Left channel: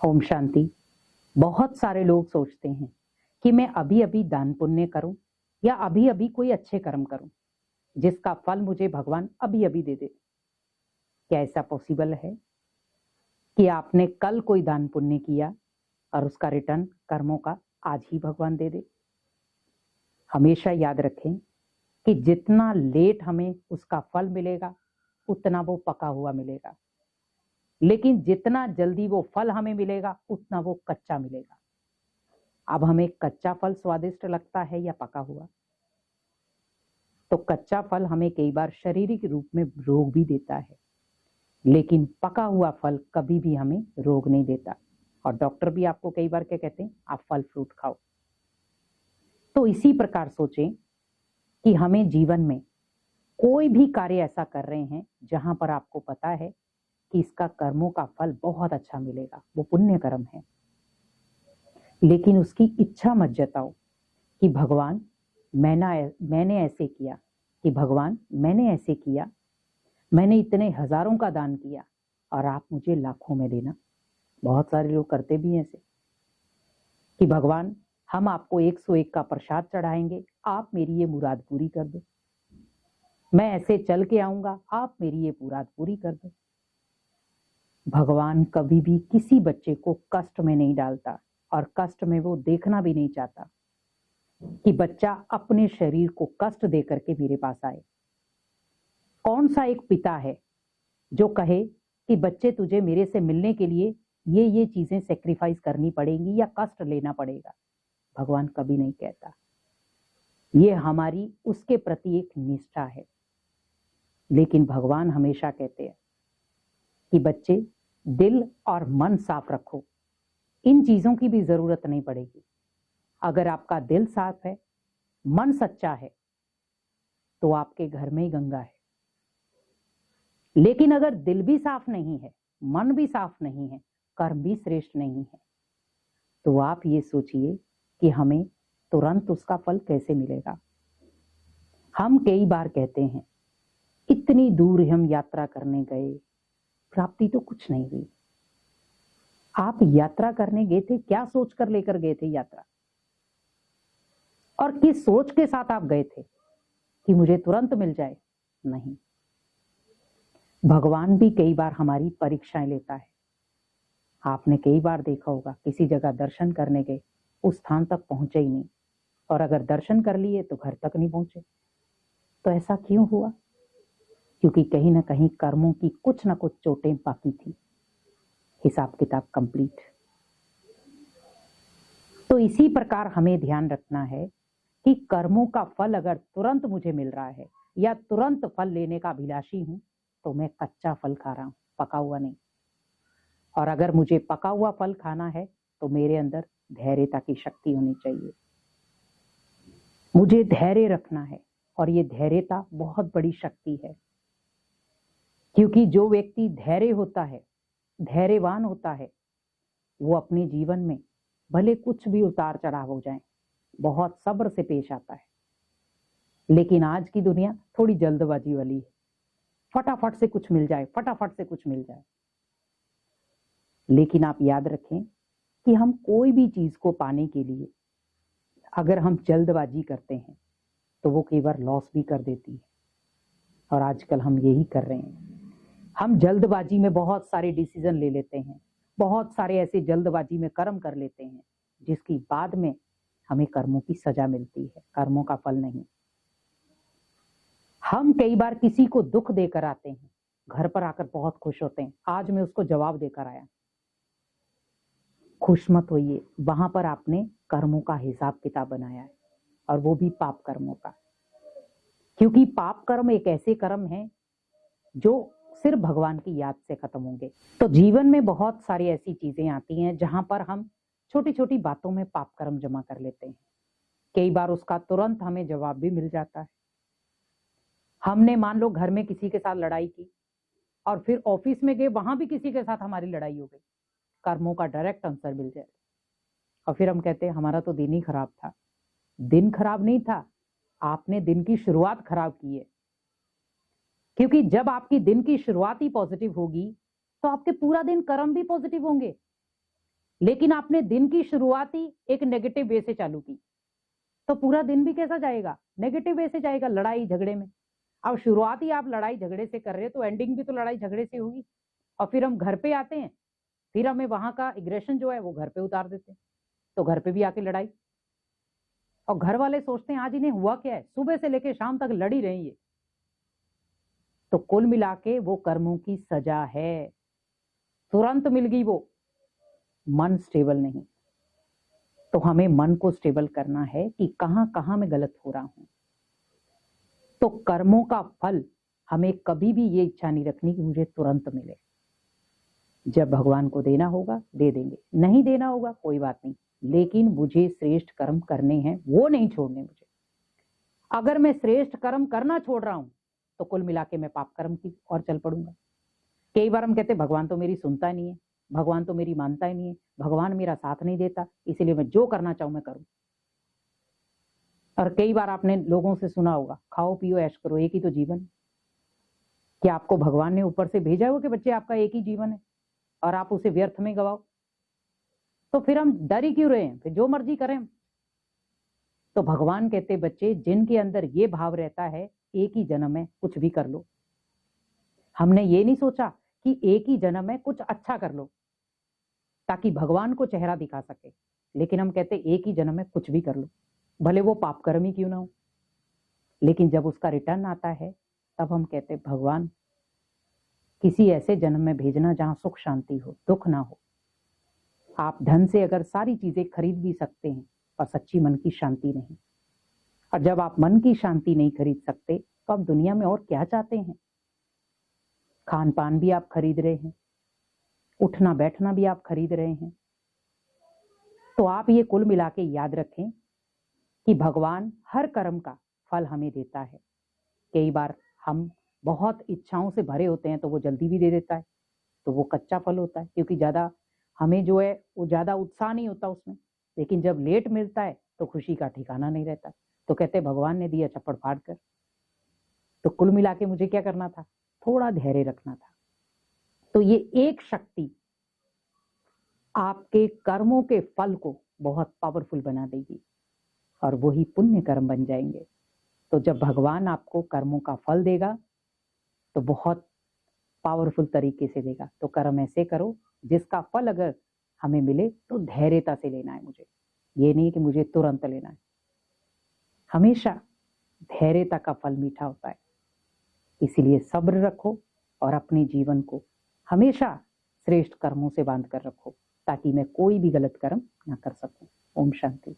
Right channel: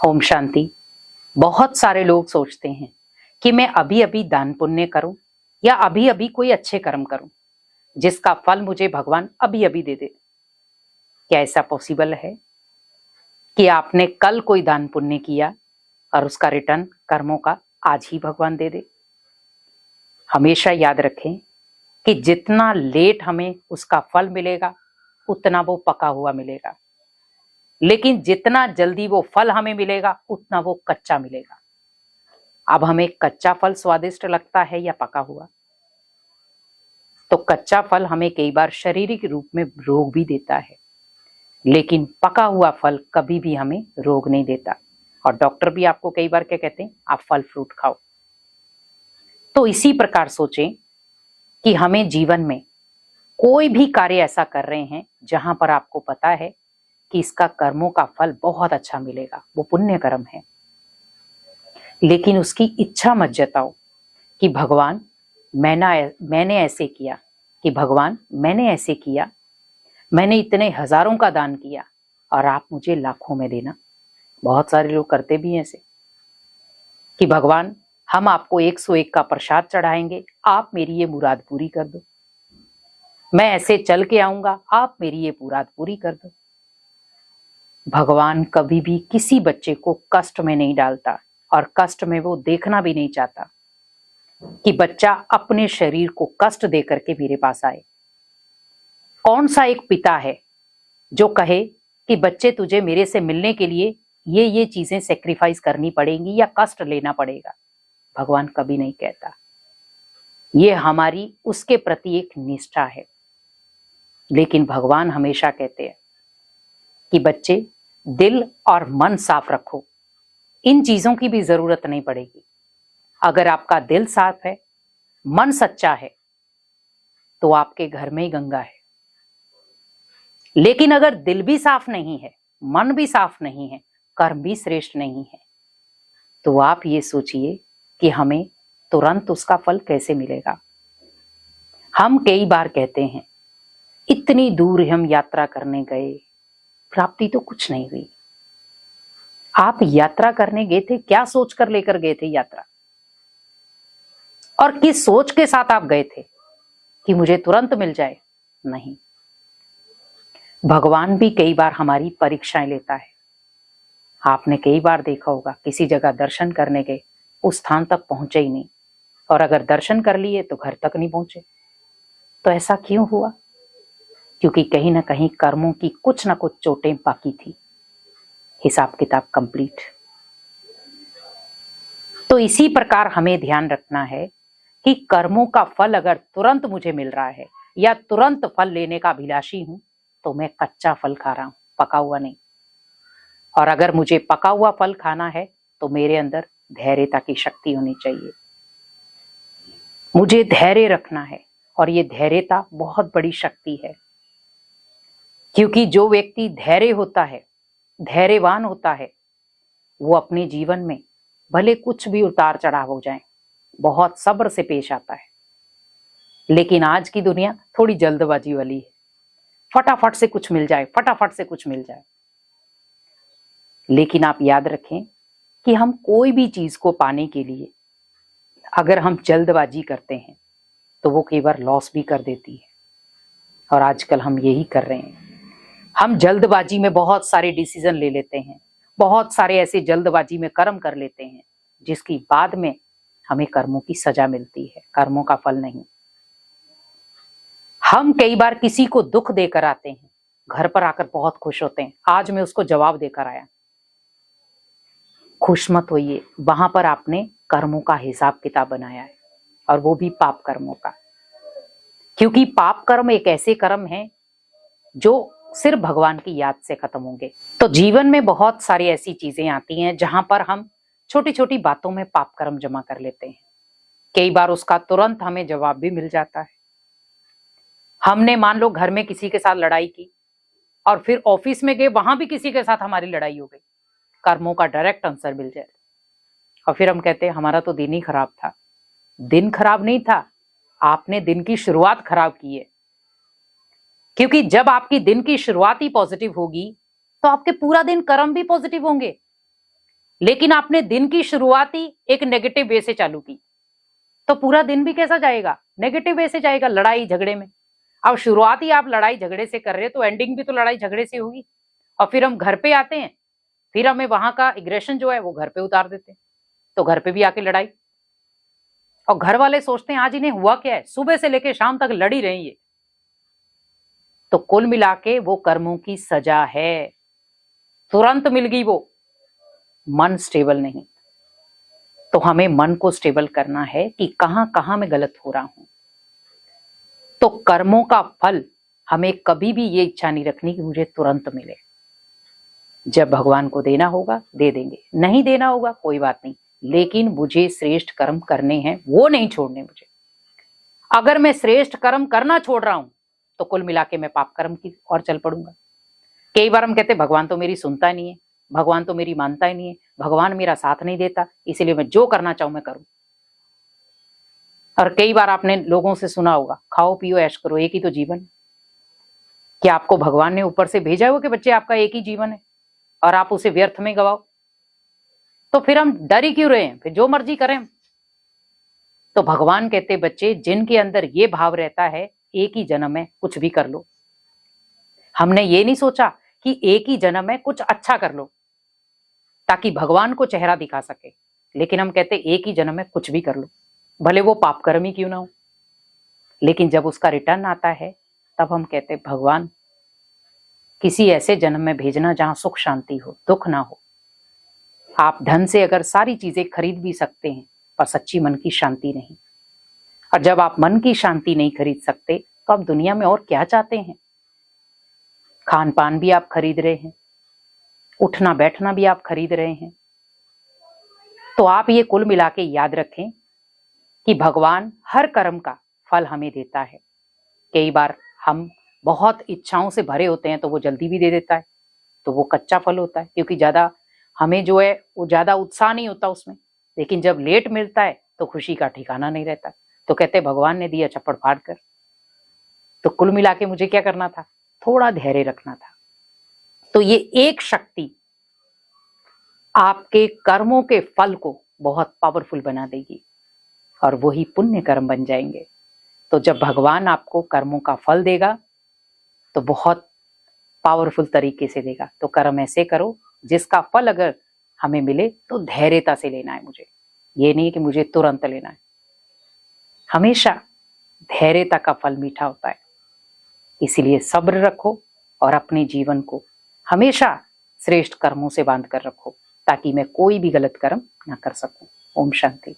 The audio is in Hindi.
ओम शांति। बहुत सारे लोग सोचते हैं कि मैं अभी अभी दान पुण्य करूं या अभी अभी कोई अच्छे कर्म करूं जिसका फल मुझे भगवान अभी अभी दे दे। क्या ऐसा पॉसिबल है कि आपने कल कोई दान पुण्य किया और उसका रिटर्न कर्मों का आज ही भगवान दे दे? हमेशा याद रखें कि जितना लेट हमें उसका फल मिलेगा उतना वो पका हुआ मिलेगा, लेकिन जितना जल्दी वो फल हमें मिलेगा उतना वो कच्चा मिलेगा। अब हमें कच्चा फल स्वादिष्ट लगता है या पका हुआ? तो कच्चा फल हमें कई बार शारीरिक रूप में रोग भी देता है, लेकिन पका हुआ फल कभी भी हमें रोग नहीं देता। और डॉक्टर भी आपको कई बार क्या कहते हैं, आप फल फ्रूट खाओ। तो इसी प्रकार सोचें कि हमें जीवन में कोई भी कार्य ऐसा कर रहे हैं जहां पर आपको पता है कि इसका कर्मों का फल बहुत अच्छा मिलेगा, वो पुण्य कर्म है, लेकिन उसकी इच्छा मत जताओ कि भगवान मैंने ऐसे किया, कि भगवान मैंने ऐसे किया, मैंने इतने हजारों का दान किया और आप मुझे लाखों में देना। बहुत सारे लोग करते भी हैं ऐसे कि भगवान हम आपको 101 का प्रसाद चढ़ाएंगे, आप मेरी ये मुराद पूरी कर दो। मैं ऐसे चल के आऊंगा, आप मेरी ये मुराद पूरी कर दो। भगवान कभी भी किसी बच्चे को कष्ट में नहीं डालता और कष्ट में वो देखना भी नहीं चाहता कि बच्चा अपने शरीर को कष्ट दे करके मेरे पास आए। कौन सा एक पिता है जो कहे कि बच्चे तुझे मेरे से मिलने के लिए ये चीजें सेक्रीफाइस करनी पड़ेंगी या कष्ट लेना पड़ेगा? भगवान कभी नहीं कहता। ये हमारी उसके प्रति एक निष्ठा है। लेकिन भगवान हमेशा कहते हैं कि बच्चे दिल और मन साफ रखो, इन चीजों की भी जरूरत नहीं पड़ेगी। अगर आपका दिल साफ है, मन सच्चा है, तो आपके घर में ही गंगा है। लेकिन अगर दिल भी साफ नहीं है, मन भी साफ नहीं है, कर्म भी श्रेष्ठ नहीं है, तो आप ये सोचिए कि हमें तुरंत उसका फल कैसे मिलेगा। हम कई बार कहते हैं इतनी दूर हम यात्रा करने गए, प्राप्ति तो कुछ नहीं हुई। आप यात्रा करने गए थे, क्या सोच कर लेकर गए थे यात्रा, और किस सोच के साथ आप गए थे कि मुझे तुरंत मिल जाए? नहीं, भगवान भी कई बार हमारी परीक्षाएं लेता है। आपने कई बार देखा होगा किसी जगह दर्शन करने गए, उस स्थान तक पहुंचे ही नहीं, और अगर दर्शन कर लिए तो घर तक नहीं पहुंचे। तो ऐसा क्यों हुआ? क्योंकि कहीं ना कहीं कर्मों की कुछ ना कुछ चोटें बाकी थी। हिसाब किताब कंप्लीट। तो इसी प्रकार हमें ध्यान रखना है कि कर्मों का फल अगर तुरंत मुझे मिल रहा है या तुरंत फल लेने का अभिलाषी हूं, तो मैं कच्चा फल खा रहा हूं, पका हुआ नहीं। और अगर मुझे पका हुआ फल खाना है तो मेरे अंदर धैर्यता की शक्ति होनी चाहिए। मुझे धैर्य रखना है, और ये धैर्यता बहुत बड़ी शक्ति है। क्योंकि जो व्यक्ति धैर्य होता है, धैर्यवान होता है, वो अपने जीवन में भले कुछ भी उतार चढ़ाव हो जाए, बहुत सब्र से पेश आता है। लेकिन आज की दुनिया थोड़ी जल्दबाजी वाली है, फटाफट से कुछ मिल जाए, फटाफट से कुछ मिल जाए। लेकिन आप याद रखें कि हम कोई भी चीज को पाने के लिए अगर हम जल्दबाजी करते हैं तो वो कई बार लॉस भी कर देती है। और आजकल हम यही कर रहे हैं। हम जल्दबाजी में बहुत सारे डिसीजन ले लेते हैं, बहुत सारे ऐसे जल्दबाजी में कर्म कर लेते हैं जिसकी बाद में हमें कर्मों की सजा मिलती है, कर्मों का फल नहीं। हम कई बार किसी को दुख देकर आते हैं, घर पर आकर बहुत खुश होते हैं, आज मैं उसको जवाब देकर आया। खुश मत होइए, वहां पर आपने कर्मों का हिसाब किताब बनाया है, और वो भी पाप कर्मों का। क्योंकि पाप कर्म एक ऐसे कर्म हैं जो सिर्फ भगवान की याद से खत्म होंगे। तो जीवन में बहुत सारी ऐसी चीजें आती हैं जहां पर हम छोटी छोटी बातों में पाप कर्म जमा कर लेते हैं। कई बार उसका तुरंत हमें जवाब भी मिल जाता है। हमने मान लो घर में किसी के साथ लड़ाई की और फिर ऑफिस में गए, वहां भी किसी के साथ हमारी लड़ाई हो गई, कर्मों का डायरेक्ट आंसर मिल जाए। और फिर हम कहते हैं हमारा तो दिन ही खराब था। दिन खराब नहीं था, आपने दिन की शुरुआत खराब की है। क्योंकि जब आपकी दिन की शुरुआत ही पॉजिटिव होगी तो आपके पूरा दिन कर्म भी पॉजिटिव होंगे। लेकिन आपने दिन की शुरुआत ही एक नेगेटिव वे से चालू की, तो पूरा दिन भी कैसा जाएगा? नेगेटिव वे से जाएगा, लड़ाई झगड़े में। अब शुरुआत ही आप लड़ाई झगड़े से कर रहे हो, तो एंडिंग भी तो लड़ाई झगड़े से होगी। और फिर हम घर पे आते हैं, फिर हमें वहां का एग्रेशन जो है वो घर पे उतार देते हैं, तो घर पे भी आके लड़ाई। और घर वाले सोचते हैं आज इन्हें हुआ क्या है, सुबह से लेकर शाम तक लड़ी रही है। तो कुल मिला के वो कर्मों की सजा है, तुरंत मिल गई वो, मन स्टेबल नहीं। तो हमें मन को स्टेबल करना है कि कहां कहां मैं गलत हो रहा हूं। तो कर्मों का फल हमें कभी भी ये इच्छा नहीं रखनी कि मुझे तुरंत मिले। जब भगवान को देना होगा दे देंगे, नहीं देना होगा कोई बात नहीं, लेकिन मुझे श्रेष्ठ कर्म करने हैं, वो नहीं छोड़ने मुझे। अगर मैं श्रेष्ठ कर्म करना छोड़ रहा हूं तो कुल मिला के मैं पाप कर्म की ओर चल पड़ूंगा। कई बार हम कहते हैं भगवान तो मेरी सुनता नहीं है, भगवान तो मेरी मानता ही नहीं है, भगवान मेरा साथ नहीं देता, इसीलिए मैं जो करना चाहूं मैं करूं। और कई बार आपने लोगों से सुना होगा, खाओ पियो ऐश करो, एक ही तो जीवन। क्या आपको भगवान ने ऊपर से भेजा हो कि बच्चे आपका एक ही जीवन है और आप उसे व्यर्थ में गवाओ? तो फिर हम डर ही क्यों रहे हैं, फिर जो मर्जी करें। तो भगवान कहते बच्चे जिनके अंदर ये भाव रहता है एक ही जन्म है कुछ भी कर लो, हमने ये नहीं सोचा कि एक ही जन्म है कुछ अच्छा कर लो ताकि भगवान को चेहरा दिखा सके, लेकिन हम कहते एक ही जन्म है कुछ भी कर लो, भले वो पाप कर्म ही क्यों ना हो। लेकिन जब उसका रिटर्न आता है तब हम कहते भगवान किसी ऐसे जन्म में भेजना जहां सुख शांति हो, दुख ना हो। आप धन से अगर सारी चीजें खरीद भी सकते हैं पर सच्ची मन की शांति नहीं, और जब आप मन की शांति नहीं खरीद सकते तो आप दुनिया में और क्या चाहते हैं? खान पान भी आप खरीद रहे हैं, उठना बैठना भी आप खरीद रहे हैं। तो आप ये कुल मिला के याद रखें कि भगवान हर कर्म का फल हमें देता है। कई बार हम बहुत इच्छाओं से भरे होते हैं तो वो जल्दी भी दे देता है, तो वो कच्चा फल होता है, क्योंकि ज्यादा हमें जो है वो ज्यादा उत्साह नहीं होता उसमें। लेकिन जब लेट मिलता है तो खुशी का ठिकाना नहीं रहता, तो कहते भगवान ने दिया चप्पड़ फाड़ कर। तो कुल मिला के मुझे क्या करना था? थोड़ा धैर्य रखना था। तो ये एक शक्ति आपके कर्मों के फल को बहुत पावरफुल बना देगी और वही पुण्य कर्म बन जाएंगे। तो जब भगवान आपको कर्मों का फल देगा तो बहुत पावरफुल तरीके से देगा। तो कर्म ऐसे करो जिसका फल अगर हमें मिले तो धैर्यता से लेना है मुझे, ये नहीं कि मुझे तुरंत लेना है। हमेशा धैर्यता का फल मीठा होता है, इसीलिए सब्र रखो और अपने जीवन को हमेशा श्रेष्ठ कर्मों से बांध कर रखो ताकि मैं कोई भी गलत कर्म ना कर सकूं। ओम शांति।